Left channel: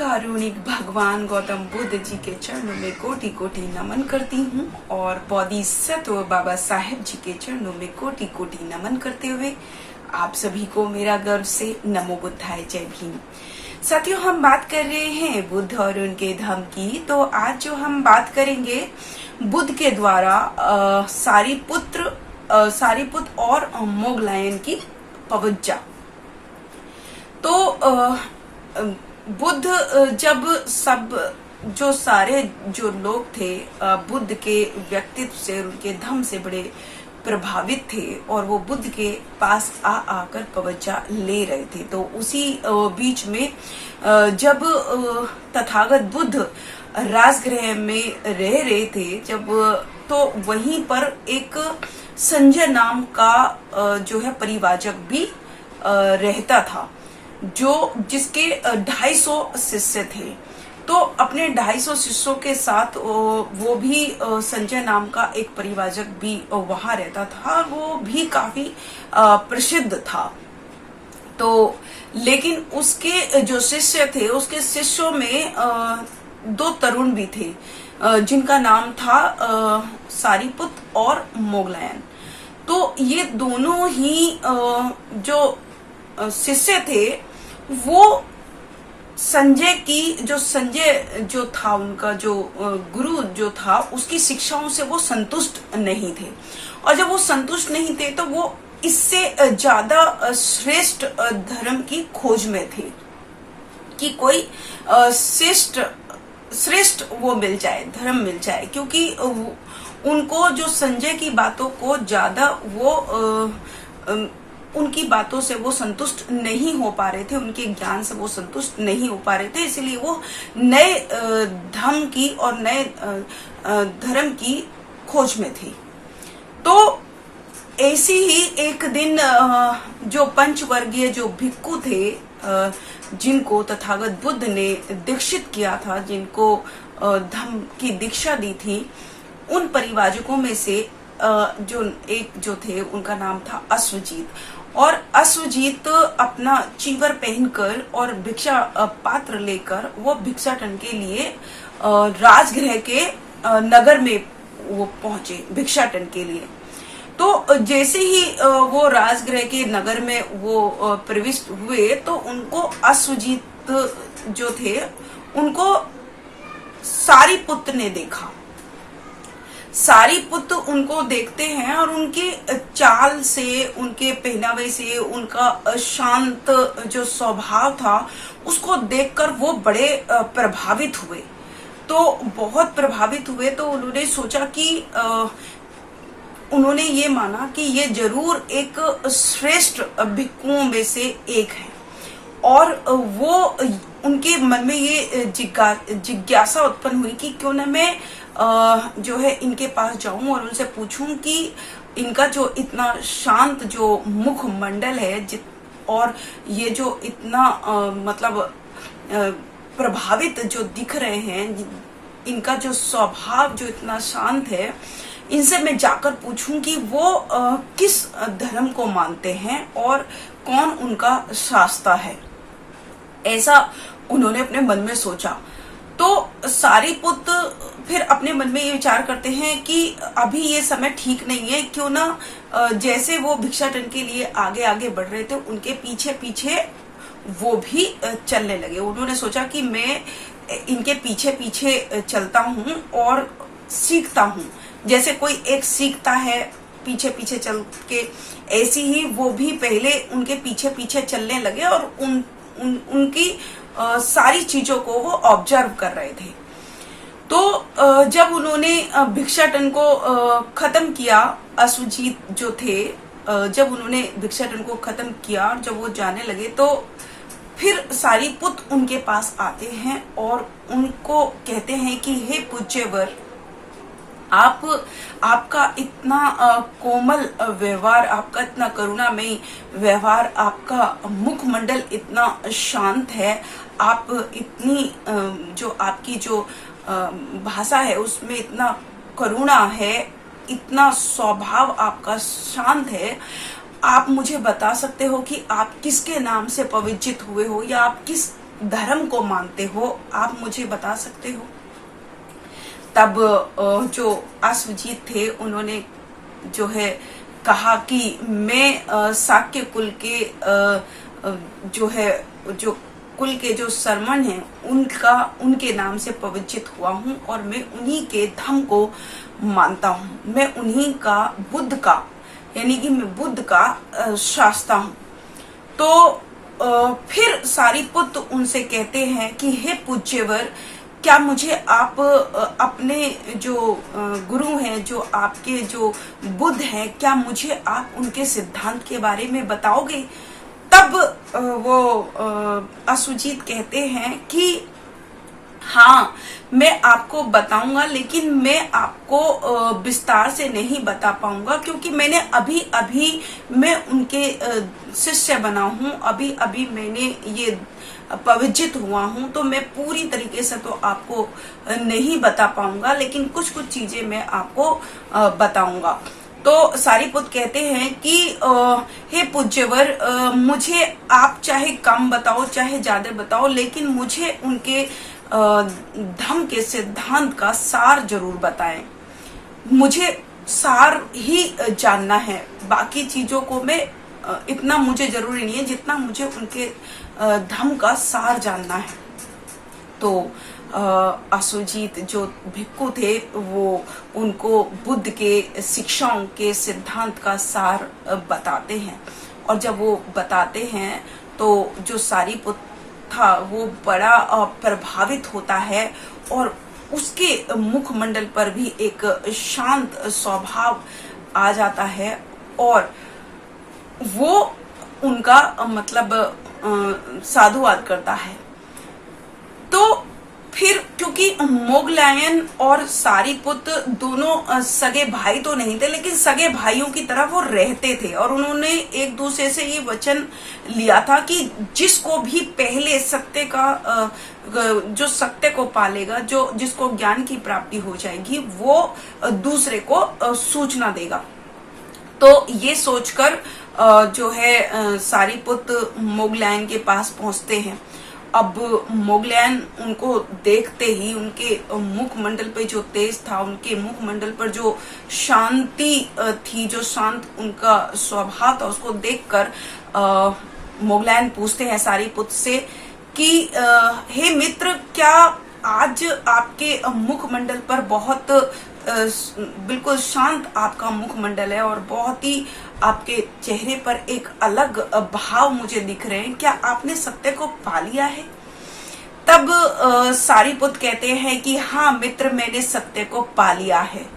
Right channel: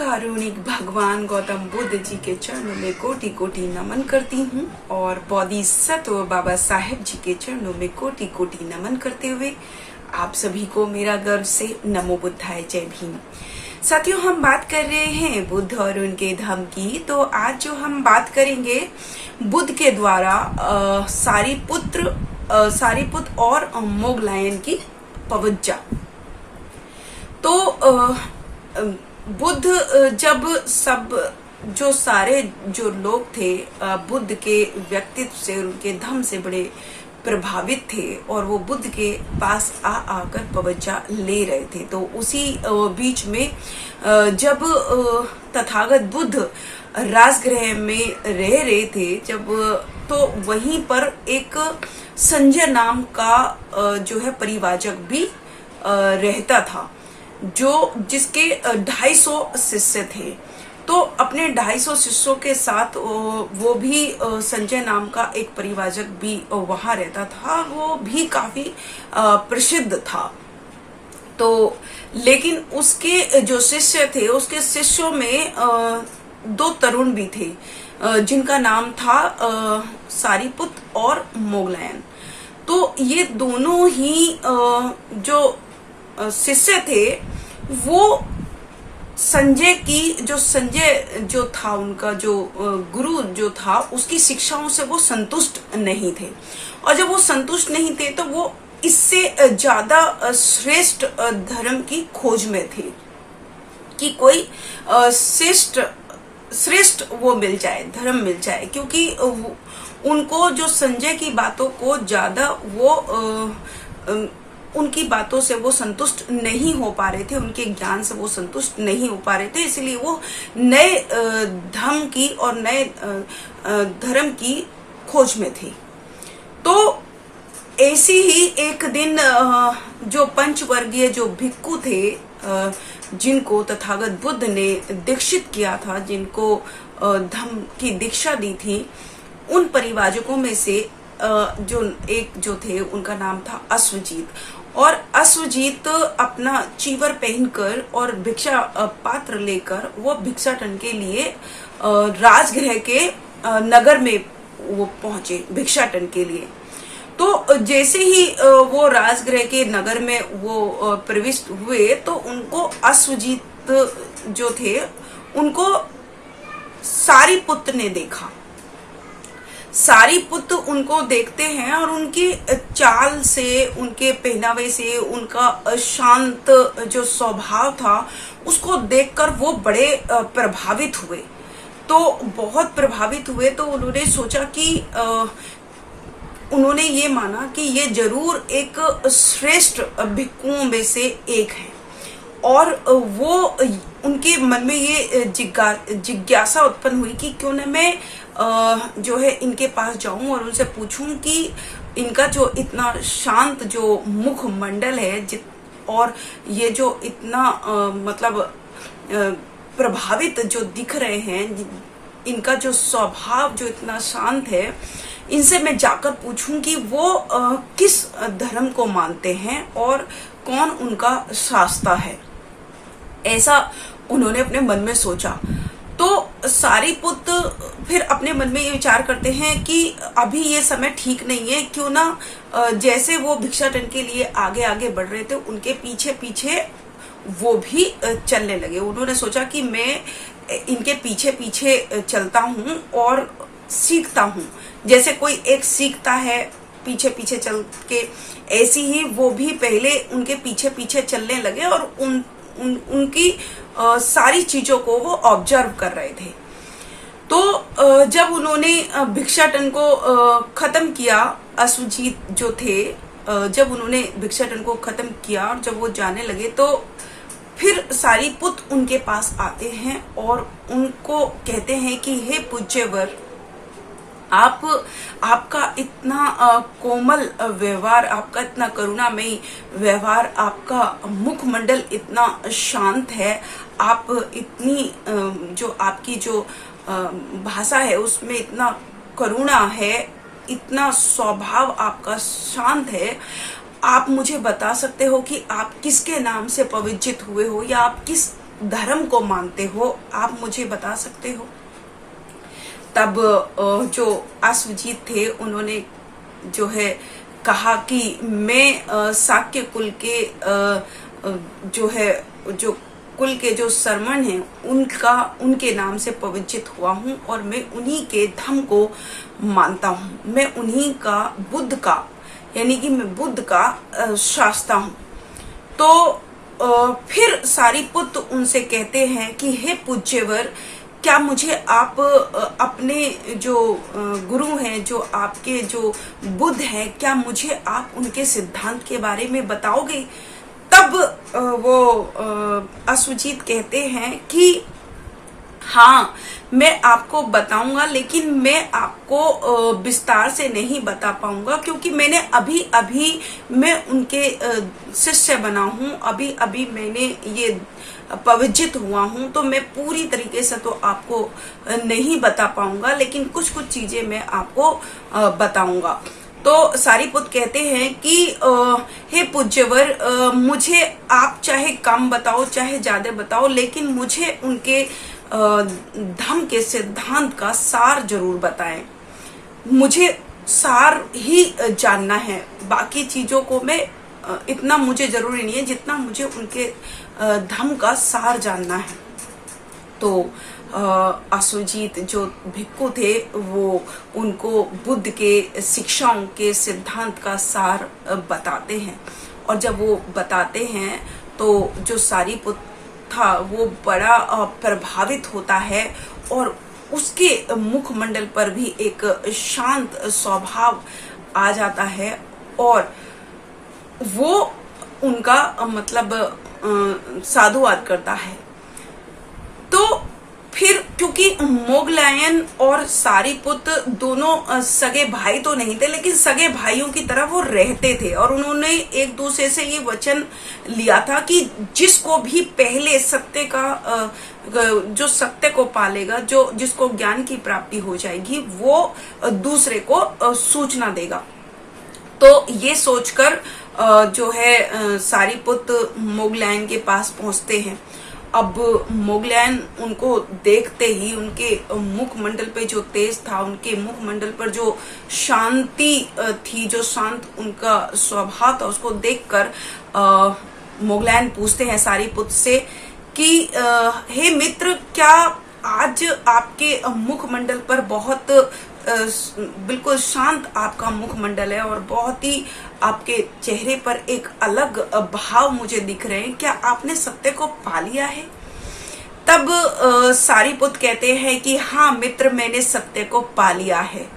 कारुणिक भगवान गौतम बुद्ध जी के चरणों में कोटि कोटि नमन करती हूँ और बोधिसत्व बाबा साहेब जी के चरणों में कोटि कोटि नमन करते हुए आप सभी को मेरा गर्व से नमो बुद्धाय जय भीम। साथियों, हम बात कर रहे हैं बुद्ध और उनके धम्म की। तो आज जो हम बात करेंगे बुद्ध के द्वारा सारीपुत्र और मोगलायन की पवज्जा। तो बुद्ध जब सारे लोग थे बुद्ध के व्यक्तित्व से, उनके धम्म से बड़े प्रभावित थे और वो बुद्ध के पास आकर पवज्जा ले रहे थे। तो उसी बीच में जब तथागत बुद्ध राजगृह में रह रहे थे, तो वहीं पर एक संजय नाम का परिवाजक भी रहता था, जिसके 250 शिष्य थे। तो अपने 250 शिष्यों के साथ वो भी संजय नाम का एक परिवाजक भी वहां रहता था। वो भी काफी प्रसिद्ध था। तो लेकिन उसके जो शिष्य थे, उसके शिष्यों में 2 तरुण भी थे, जिनका नाम था सारीपुत्र और मोगलायन। तो ये दोनों ही जो शिष्य थे, वो संजय जो था, उनका जो गुरु जो था, उसकी शिक्षाओं से वो संतुष्ट नहीं थे। और जब वो संतुष्ट नहीं थे तो वो इससे ज्यादा श्रेष्ठ धर्म की खोज में थे कि कोई श्रेष्ठ वो मिल जाए, धर्म मिल जाए। क्योंकि उनको जो संजय की बातों को ज्यादा उनकी बातों से वो संतुष्ट नहीं हो पा रहे थे, उनके ज्ञान से वो संतुष्ट नहीं हो पा रहे थे। इसलिए वो नए धर्म की और नए धर्म की खोज में थे। तो ऐसी ही एक दिन जो पंचवर्गीय जो भिक्खु थे, जिनको तथागत बुद्ध ने दीक्षित किया था, जिनको धम्म की दीक्षा दी थी, उन परिवाजकों में से जो थे, उनका नाम था अश्वजीत। और अश्वजीत अपना चीवर पहनकर और भिक्षा पात्र लेकर वो भिक्षाटन के लिए राजगृह के नगर में वो पहुंचे भिक्षाटन के लिए। तो जैसे ही वो राजगृह के नगर में वो प्रविष्ट हुए, तो उनको अश्वजीत जो थे, उनको सारीपुत्र ने देखा। सारीपुत्र उनको देखते हैं और उनकी चाल से, उनके पहनावे से, उनका शांत जो स्वभाव था, उसको देखकर वो बड़े प्रभावित हुए। तो बहुत प्रभावित हुए। तो उन्होंने सोचा कि उन्होंने ये माना कि ये जरूर एक श्रेष्ठ भिक्षुओं में से एक है। और वो उनके मन में ये जिज्ञासा उत्पन्न हुई कि क्यों न मैं इनके पास जाऊं और उनसे पूछूं कि इनका जो इतना शांत जो मुख मंडल है, और ये जो इतना प्रभावित जो दिख रहे हैं, इनका जो स्वभाव जो इतना शांत है, इनसे मैं जाकर पूछूं कि वो किस धर्म को मानते हैं और कौन उनका शास्ता है। ऐसा उन्होंने अपने मन में सोचा। तो सारीपुत्र फिर अपने मन में ये विचार करते हैं कि अभी ये समय ठीक नहीं है, क्यों ना जैसे वो भिक्षाटन के लिए आगे आगे बढ़ रहे थे, उनके पीछे पीछे वो भी चलने लगे। उन्होंने सोचा कि मैं इनके पीछे पीछे चलता हूँ और सीखता हूँ। जैसे कोई एक सीखता है पीछे पीछे चल के, ऐसी ही वो भी पहले उनके पीछे पीछे चलने लगे और उनकी सारी चीजों को वो ऑब्जर्व कर रहे थे। तो जब उन्होंने भिक्षाटन को खत्म किया, अश्वजीत जो थे, जब उन्होंने भिक्षाटन को खत्म किया और जब वो जाने लगे, तो फिर सारीपुत्र उनके पास आते हैं और उनको कहते हैं कि हे पूज्यवर, आपका इतना कोमल व्यवहार, आपका इतना करुणामयी व्यवहार, आपका मुखमंडल इतना शांत है, आप इतनी जो आपकी जो भाषा है उसमें इतना करुणा है, इतना स्वभाव आपका शांत है। आप मुझे बता सकते हो कि आप किसके नाम से पवित्रित हुए हो, या आप किस धर्म को मानते हो, आप मुझे बता सकते हो? तब जो अश्वजीत थे उन्होंने जो है कहा कि मैं शाक्य कुल के जो है जो कुल के जो सरमन हैं उनके नाम से पवित्रित हुआ हूं और मैं उन्हीं के धर्म को मानता हूं, मैं उन्हीं का बुद्ध का यानी कि मैं बुद्ध का शास्ता हूं। तो फिर सारीपुत्र उनसे कहते हैं कि हे पूज्यवर, क्या मुझे आप अपने जो गुरु हैं, जो आपके जो बुद्ध हैं, क्या मुझे आप उनके सिद्धांत के बारे में बताओगे? तब वो अश्वजीत कहते हैं कि हाँ, मैं आपको बताऊंगा, लेकिन मैं आपको विस्तार से नहीं बता पाऊंगा क्योंकि मैंने अभी मैं उनके शिष्य बना हूं, अभी मैंने ये पवित्रित हुआ हूं, तो मैं पूरी तरीके से तो आपको नहीं बता पाऊंगा, लेकिन कुछ चीजें मैं आपको बताऊंगा। तो सारीपुत्र कहते हैं कि हे पूज्यवर, मुझे आप चाहे कम बताओ चाहे ज्यादा बताओ, लेकिन मुझे उनके धम्म के सिद्धांत का सार जरूर बताएं। मुझे सार ही जानना है, बाकी चीजों को मैं इतना मुझे जरूरी नहीं है जितना मुझे उनके धम्म का सार जानना है। तो अश्वजीत जो भिक्खु थे वो उनको बुद्ध के शिक्षाओं के सिद्धांत का सार बताते हैं, और जब वो बताते हैं तो जो सारीपुत्र था वो बड़ा प्रभावित होता है और उसके मुखमंडल पर भी एक शांत स्वभाव आ जाता है और वो उनका मतलब साधुवाद करता है। तो फिर क्योंकि मोगलायन और सारीपुत्र दोनों सगे भाई तो नहीं थे, लेकिन सगे भाइयों की तरह वो रहते थे और उन्होंने एक दूसरे से ये वचन लिया था कि जिसको भी पहले सत्य का जो सत्य को पालेगा, जो जिसको ज्ञान की प्राप्ति हो जाएगी, वो दूसरे को सूचना देगा। तो ये सोचकर जो है सारीपुत्र मोगलायन के पास पहुंचते हैं। अब मोगलायन उनको देखते ही उनके मुखमंडल पे जो तेज था, उनके मुखमंडल पर जो शांति थी, जो शांत उनका स्वभाव था, उसको देखकर मोगलायन पूछते हैं सारीपुत्र से कि हे मित्र, क्या आज आपके मुखमंडल पर बहुत बिल्कुल शांत आपका मुखमंडल है और बहुत ही आपके चेहरे पर एक अलग भाव मुझे दिख रहे हैं, क्या आपने सत्य को पा लिया है? तब सारीपुत्र कहते हैं कि हाँ मित्र, मैंने सत्य को पा लिया है।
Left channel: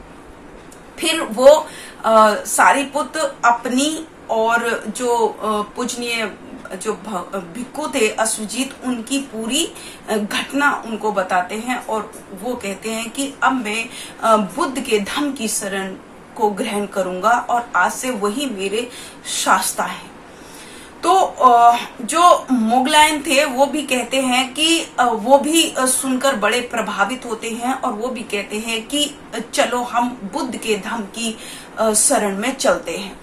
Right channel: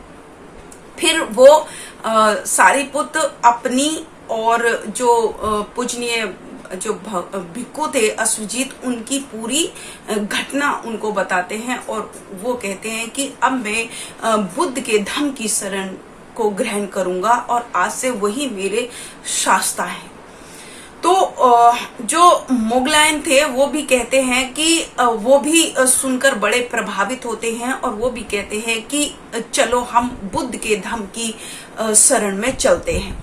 फिर वो सारीपुत्र अपनी और जो पूजनीय जो भिक्खु थे अश्वजीत, उनकी पूरी घटना उनको बताते हैं और वो कहते हैं कि अब मैं बुद्ध के धम्म की शरण को ग्रहण करूंगा और आज से वही मेरे शास्ता है। तो जो मोगलायन थे वो भी कहते हैं कि वो भी सुनकर बड़े प्रभावित होते हैं और वो भी कहते हैं कि चलो हम बुद्ध के धम्म की शरण में चलते हैं।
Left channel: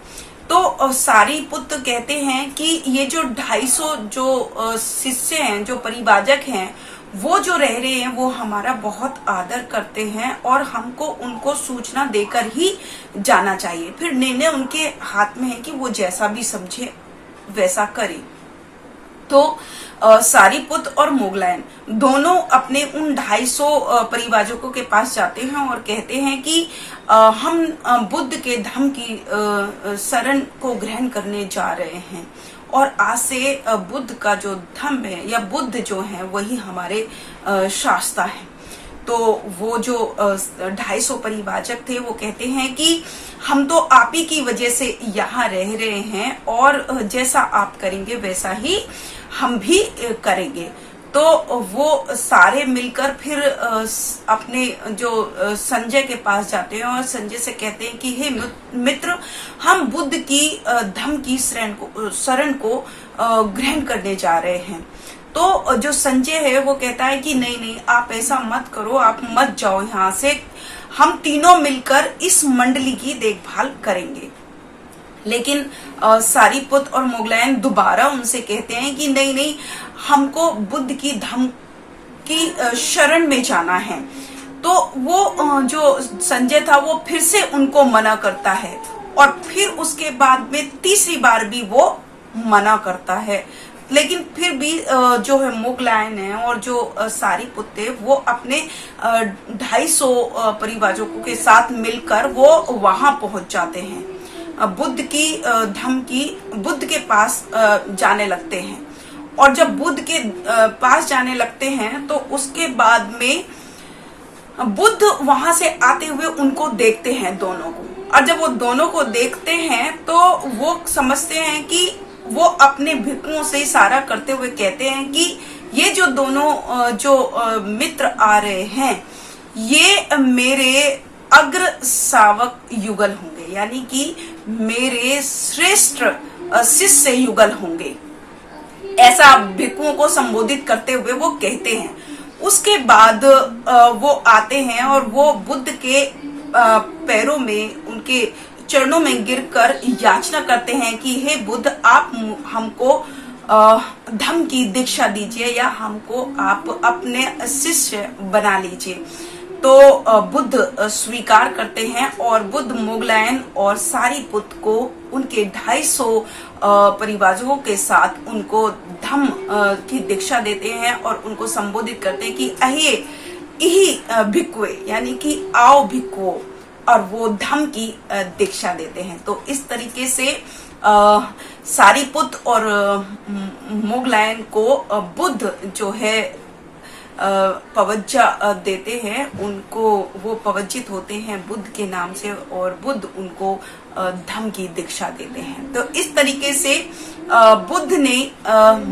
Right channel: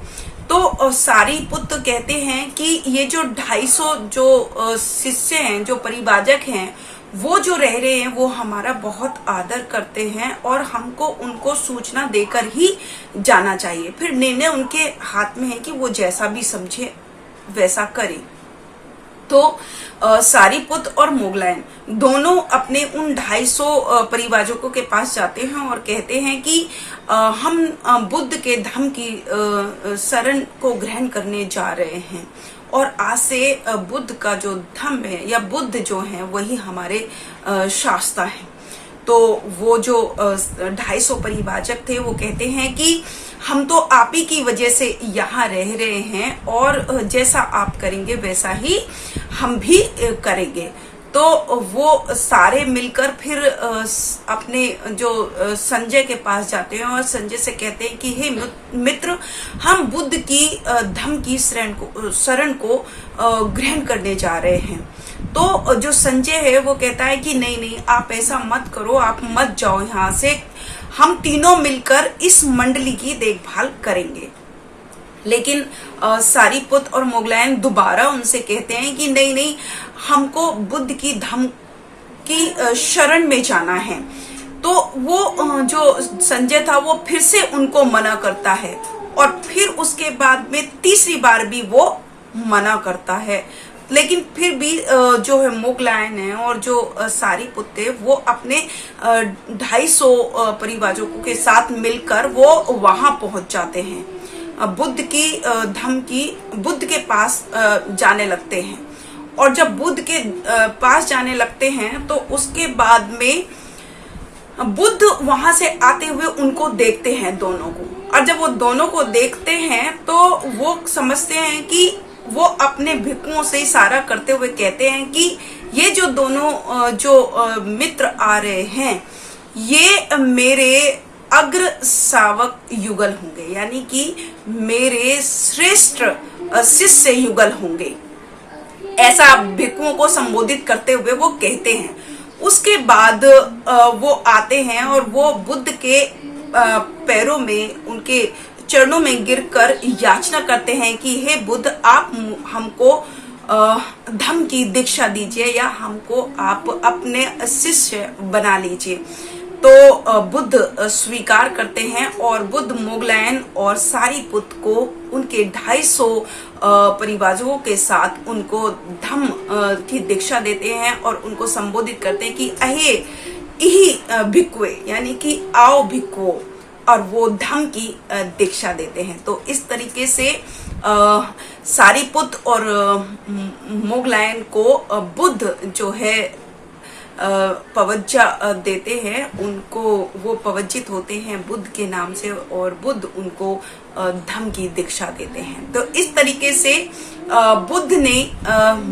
तो सारीपुत्र कहते हैं कि ये जो 250 जो शिष्य हैं, जो परिवाजक हैं, वो जो रह रहे हैं वो हमारा बहुत आदर करते हैं और हमको उनको सूचना देकर ही जाना चाहिए। फिर निर्णय उनके हाथ में है कि वो जैसा भी समझे वैसा करे। तो सारीपुत्र और मोगलायन दोनों अपने उन 250 परिवाजकों के पास जाते हैं और कहते हैं कि हम बुद्ध के धम्म की शरण को ग्रहण करने जा रहे हैं और आज से बुद्ध का जो धम्म है या बुद्ध जो है वही हमारे शास्ता है। तो वो जो 250 परिवाजक थे वो कहते हैं कि हम तो आप ही की वजह से यहाँ रह रहे हैं और जैसा आप करेंगे वैसा ही हम भी करेंगे। तो वो सारे मिलकर फिर अपने जो संजय के पास जाते हैं और संजय से कहते हैं कि हे मित्र, हम बुद्ध की धम्म की शरण को ग्रहण करने जा रहे हैं। तो जो संजय है वो कहता है कि नहीं, आप ऐसा मत करो, आप मत जाओ यहाँ से, हम तीनों मिलकर इस मंडली की देखभाल करेंगे। लेकिन सारीपुत्र और मोगलायन दोबारा उनसे कहते हैं कि नहीं, हमको बुद्ध की धम्म की शरण में जाना है। तो वो जो संजय था वो फिर से उनको मना करता है और फिर उसके बाद में तीसरी बार भी वो मना करता है। लेकिन फिर भी जो है मोगलायन है और जो सारिपुत्त है वो अपने 250 परिवारों के साथ मिलकर वो वहां पहुंच जाते हैं। बुद्ध की धम्म की बुद्ध के पास जाने लगते हैं। और जब बुद्ध के पास जाने लगते हैं तो उसके बाद में बुद्ध वहां से आते हुए उनको देखते हैं दोनों को। और जब वो दोनों को देखते हैं तो वो समझते हैं कि वो अपने भिक्षुओं से इशारा करते हुए कहते हैं कि ये जो दोनों जो मित्र आ रहे हैं ये मेरे अग्र शावक युगल होंगे, यानी कि मेरे श्रेष्ठ शिष्य युगल होंगे, ऐसा भिक्षुओं को संबोधित करते हुए वो कहते हैं। उसके बाद वो आते हैं और वो बुद्ध के पैरों में, उनके चरणों में गिरकर याचना करते हैं कि हे बुद्ध, आप हमको धम्म की दीक्षा दीजिए या हमको आप अपने शिष्य बना लीजिए। तो बुद्ध स्वीकार करते हैं और बुद्ध मोगलायन और सारिपुत्त को उनके 250 परिवारों के साथ उनको धम्म की दीक्षा देते हैं और उनको संबोधित करते हैं कि अहे इही भिक्खुए, यानी कि आओ भिक्खुओं, और वो धम्म की दीक्षा देते हैं। तो इस तरीके से सारिपुत्त और मोगलायन को बुद्ध जो है पवज्जा देते हैं, उनको वो पवज्जित होते हैं बुद्ध के नाम से और बुद्ध उनको धम्म की दीक्षा देते हैं। तो इस तरीके से बुद्ध ने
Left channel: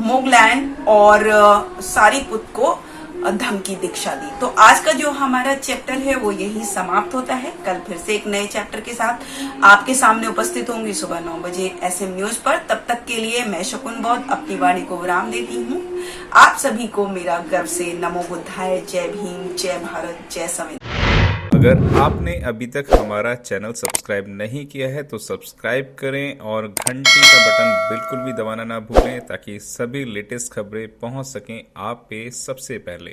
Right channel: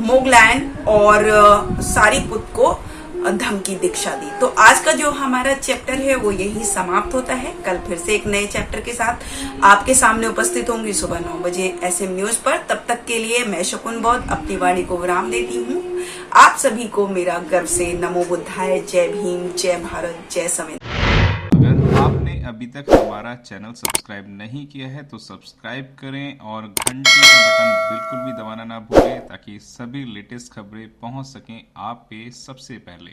मोगलायन और सारिपुत्त को धम्म की दीक्षा दी। तो आज का जो हमारा चैप्टर है वो यही समाप्त होता है। कल फिर से एक नए चैप्टर के साथ आपके सामने उपस्थित होंगी सुबह 9 बजे SM न्यूज पर। तब तक के लिए मैं शकुन बौद्ध अपनी वाणी को विराम देती हूँ। आप सभी को मेरा गर्व से नमो बुद्धाय, जय भीम, जय भारत, जय संविधान। अगर आपने अभी तक हमारा चैनल सब्सक्राइब नहीं किया है तो सब्सक्राइब करें और घंटी का बटन बिल्कुल भी दबाना ना भूलें ताकि सभी लेटेस्ट खबरें पहुंच सकें आप पे सबसे पहले।